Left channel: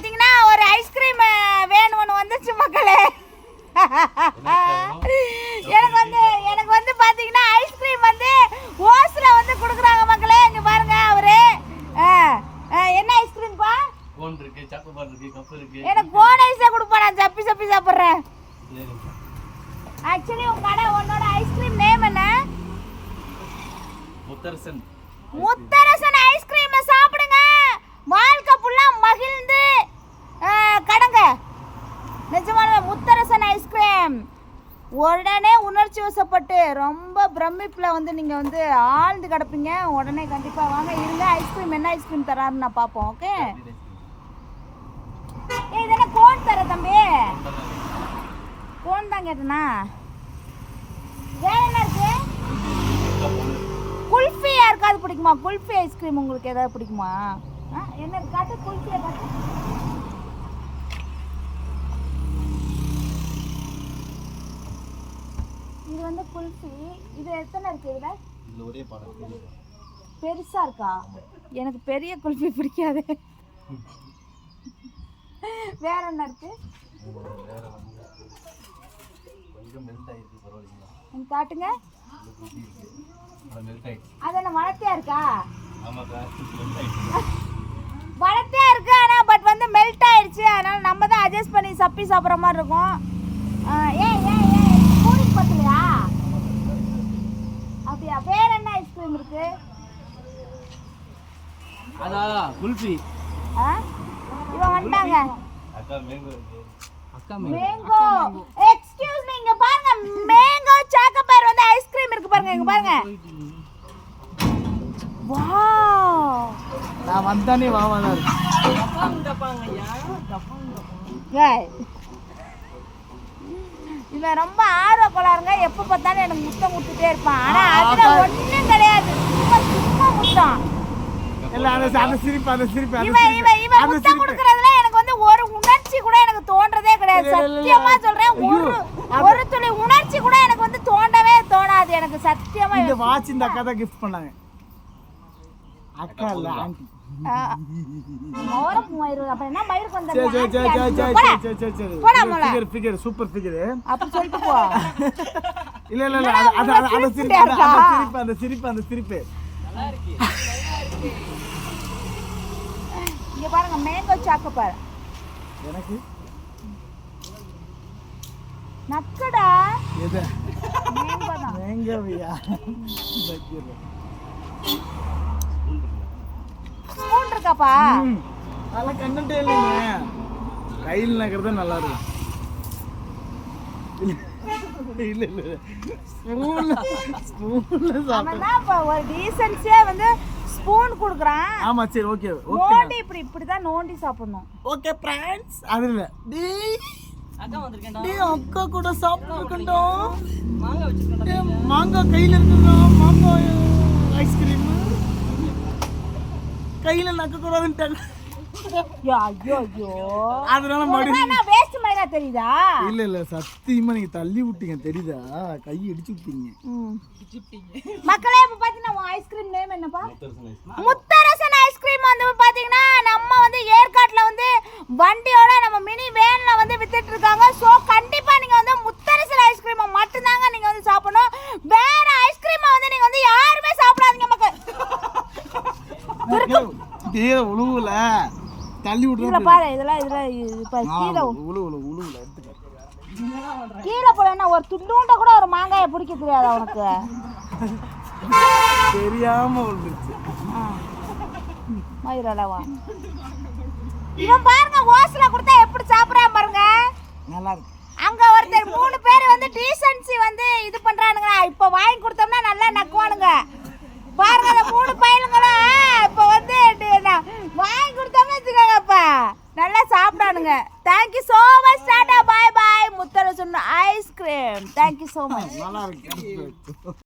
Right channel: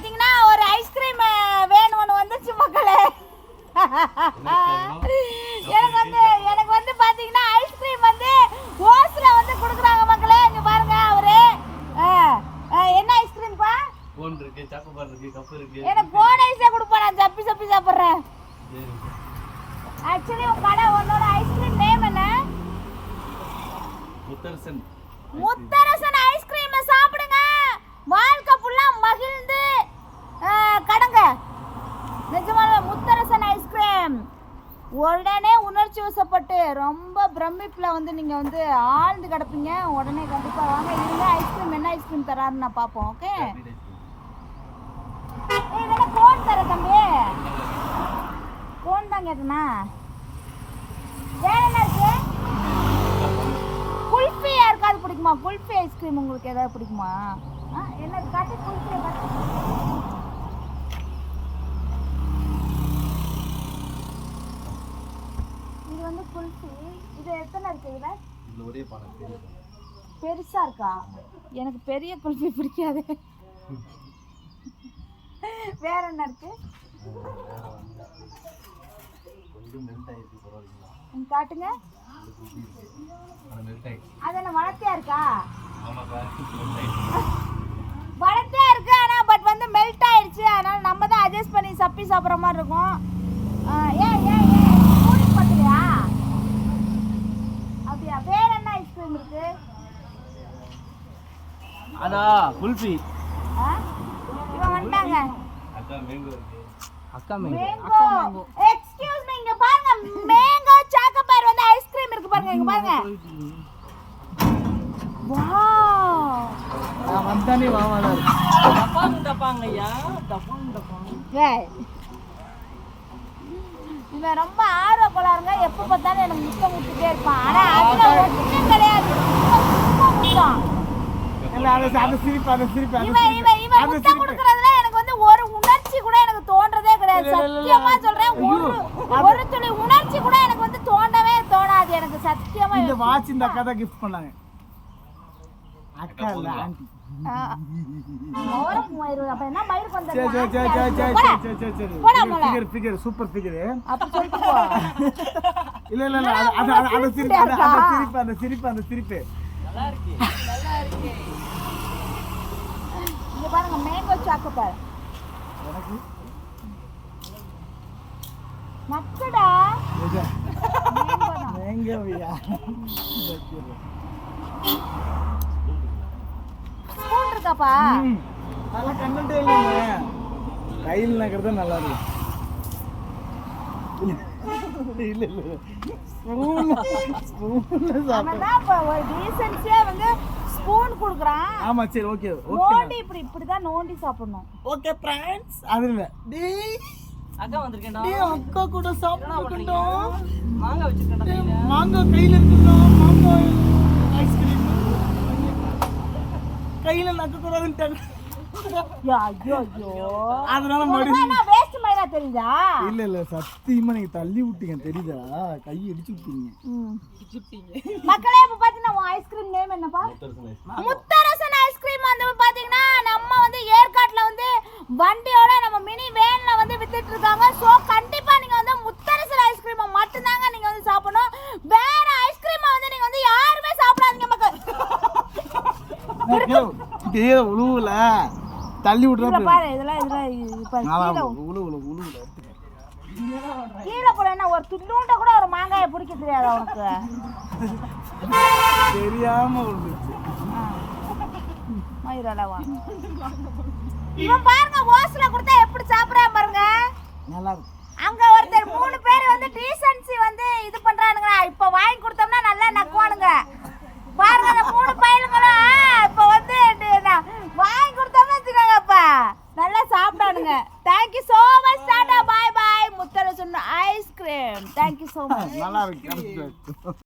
பாத்தீங்கன்னா ஒரு ஐஸ்கிரீம் வேணும்னு வந்துச்சு மக்களே. எனக்கு வந்து எனக்கு வந்து பாத்தீங்கன்னா ஐஸ்கிரீம் வந்து ஓஸ்ல வந்து கொடுக்குறாங்க மக்களே இங்க பாருங்க அவரு. என்ன ஐஸ்கிரீம்ப்பா எனக்கு போன் ஐஸே கொடுப்பா நான் சப்பி சப்பி சாப்பிட்றேன். ஆக்சுவலி உன் கடை உன்னோட ஐஸ்கிரீம் நேம் என்ன? முத்தரசன். முத்தரசன் ஐஸ்கிரீம் சாப்பிடுங்க. வாழ்க்கை நிஜமாவே முத்தரசன் ஐஸ்கிரீம் உடனே உணர்ச்சி வசப்பட்டு ரொம்ப பிரமிப்பில் வந்து நீங்கள் வந்து ஆழ்ந்து கிடப்பீங்க. உடனே கண்டிப்பாக வாங்க. இருங்க ஐஸ்கிரீம் என்ன ஐஸ்கிரீம் தராருன்னு நான் பார்ப்போம் ஓகே இதெல்லாம் கோன் தர தம்பி? கோன் தான் கேட்டனா? வேற என்ன இருக்கு? குல்ஃபி யாருக்காவது பிடிக்குமா? குல்ஃபி ஐஸ்கிரீம் உங்களுக்கு ஏதாவது பிடிக்குமா? என்ன காட்டு குல்ஃபி காட்டு இது வந்து குல்ஃபி இது எத்தனை இருக்கு இதுல இதுல ஒரே பாடம். பெருசா இருக்கா? எனக்கு பெரிய குல்ஃபி பிடிக்காது. வேற என்ன இருக்கு? காட்டுங்க இது குட்டி இருக்கு அது மெல்ட் ஆயிடுச்சு. அது என்ன வளர்த்தியா இருக்கா? வளர்த்தியா இருக்கு ஆனா பட் வந்து மெல்ட் ஆயிடுச்சு. அதனால நம்ம தான் அட்ஜஸ்ட் பண்ணி சப்பி சாப்பிட்ற மாதிரி இருக்கும் ஆ, ஏய் ஏய் ஏய் ஸ்பூனுக்கு பத்தலையா அப்படியா வேற என்ன ஐஸ்கிரீம் இருக்கு அதா குல்ஃபி. அக்கா மேங்கோ எக்ஸ்கியூஸ் மீ இங்க பாருங்க மேங்கோ சாக்கோபார் வந்து ஐஸ்கிரீம் இருக்கு பாருங்க இங்க பாருங்க. வாவ் நான் வந்தானே வாவாதான் இருக்கு ஏய். இவன் ரொம்ப ஆர்வ கோளாறுங்க. எப்போ பார்த்தாலும் எனக்கு முத்தம் முட்டுட்டே இருப்பான். ஆனா அதுல ஒண்ணும் கிடையாது இவன் சும்மா முத்தம் இல்ல அந்த அந்த சிரிப்பு அந்த சிரிப்பு அந்த இவன் இவன் இவன் அந்த முத்தம் சிரிப்பு. கொடுக்கறதுல எனக்கு வந்து ஒரு உணர்ச்சி கூட எனக்கு தோன்றதே கிடையாது. சத்தியமா சொல்றேன் ஒரு ஒரு துளி உணர்ச்சி கூட எனக்கு வந்து தோண்டவே தோணாது எனக்கு. சத்தியமா இந்த வாட்ச் இந்த அக்கா தான் கிஃப்ட் பண்ணாங்க. அக்கா இல்ல ஆண்டி. சூப்பர் ஃபிகர் இல்ல இல்ல அந்த சிரிப்பு அந்த- அந்த சிரிப்பு அந்த சிரிப்பு அந்த சிரிப்பு. இங்க பாருங்க மேங்கோ சாக்கோபார் எனக்கு? நக்குடா. மேங்கோவியா ஸ்பூன் இருக்காப்பா. அதெல்லாம் கண்டே இல்லைங்க. கையில் நக்கிறது நல்லா இருக்கும். இல்ல இல்ல ஸ்பூன்ல ஸ்பூன்ல அவன் சாப்பிட தான் இப்ப ஒரு டீசன்ஸியா வந்து ஸ்பூன் குடுக்குறான். ஆமா சரி ஓகே ஓகே நோண்டி இப்படி இப்படிதான் நோண்டி சாப்பிடணும். ஓகே ஃப்ரெண்ட்ஸ் அது இல்ல. டேய். அக்கா வந்திருக்கேன்டா. அக்கா கூட சாப்பிட்டுக்கண்டா மாங்காய் வச்சிருக்கேன்டா மாங்காய் கையில இருக்குடா மாங்காய் ஐஸ்கிரீம் கையில நக்க ஐயோ ஐயோ. ஐயோ அதனால மறுபடியும் மயிரா தெரியுதா? இல்ல இல்ல சத்தியமா நீங்க தள்ளி விட்டீங்க தெரியுதா? கை அடிச்சு விட்டீங்க. மக்களே இப்ப பாத்தீங்கன்னா உன் ஐஸ்கிரீம் நேம் என்னப்பா? முத்தரசன் ஐஸ் முத்தரசன் ஐஸ்கிரீம் வந்து பாத்தீங்கன்னா நம்ம வந்து ஏற்காட்டுல வந்து வண்டியோட நம்ம மினி வேன்ல வந்து வித்துட்டு இருக்காங்க. ஸோ கண்டிப்பா நீங்க வந்து முத்தரசன் ஐஸ்கிரீமை மட்டும்தாங்க நீங்க வந்து சாப்பிடணும். வேற ஐஸ்கிரீமை வந்து நீங்க வந்து யாருமே சாப்பிடாதீங்க மக்கள். உழுவுல. தள்ளி விட்டுறா பாரு இதெல்லாம் இதுல இப்ப கீழே உழு உழு எடுத்துக்க கீழே போனா ஒரு துண்டூண்ட கூட ஒரு மாங்காயை பிடிக்க தெரியாது உனக்கு தெரியாம இவன் பாருங்க ஓஸ்ல கொடுத்தா எப்படி சாப்பிடுறான் பாருங்க. நல்லா இருக்கு. அங்க ஒருத்தர் மூணு பேர் வந்து டீசன்சி வந்து இது பண்றானுங்க இப்ப வாங்கி கொடுத்தோம்னா நல்லா நக்குவானுங்க பாருங்க அந்த மூணு பையனுங்களும் இப்ப வந்து டி- நான் வாங்கி கொடுத்தோம்னா வச்சுக்கோங்க இப்ப நல்லா பண்ணுங்க thank you so much tata bye முத்தர சொன்ன ice cream. Thank you so much நல்லா இருக்கு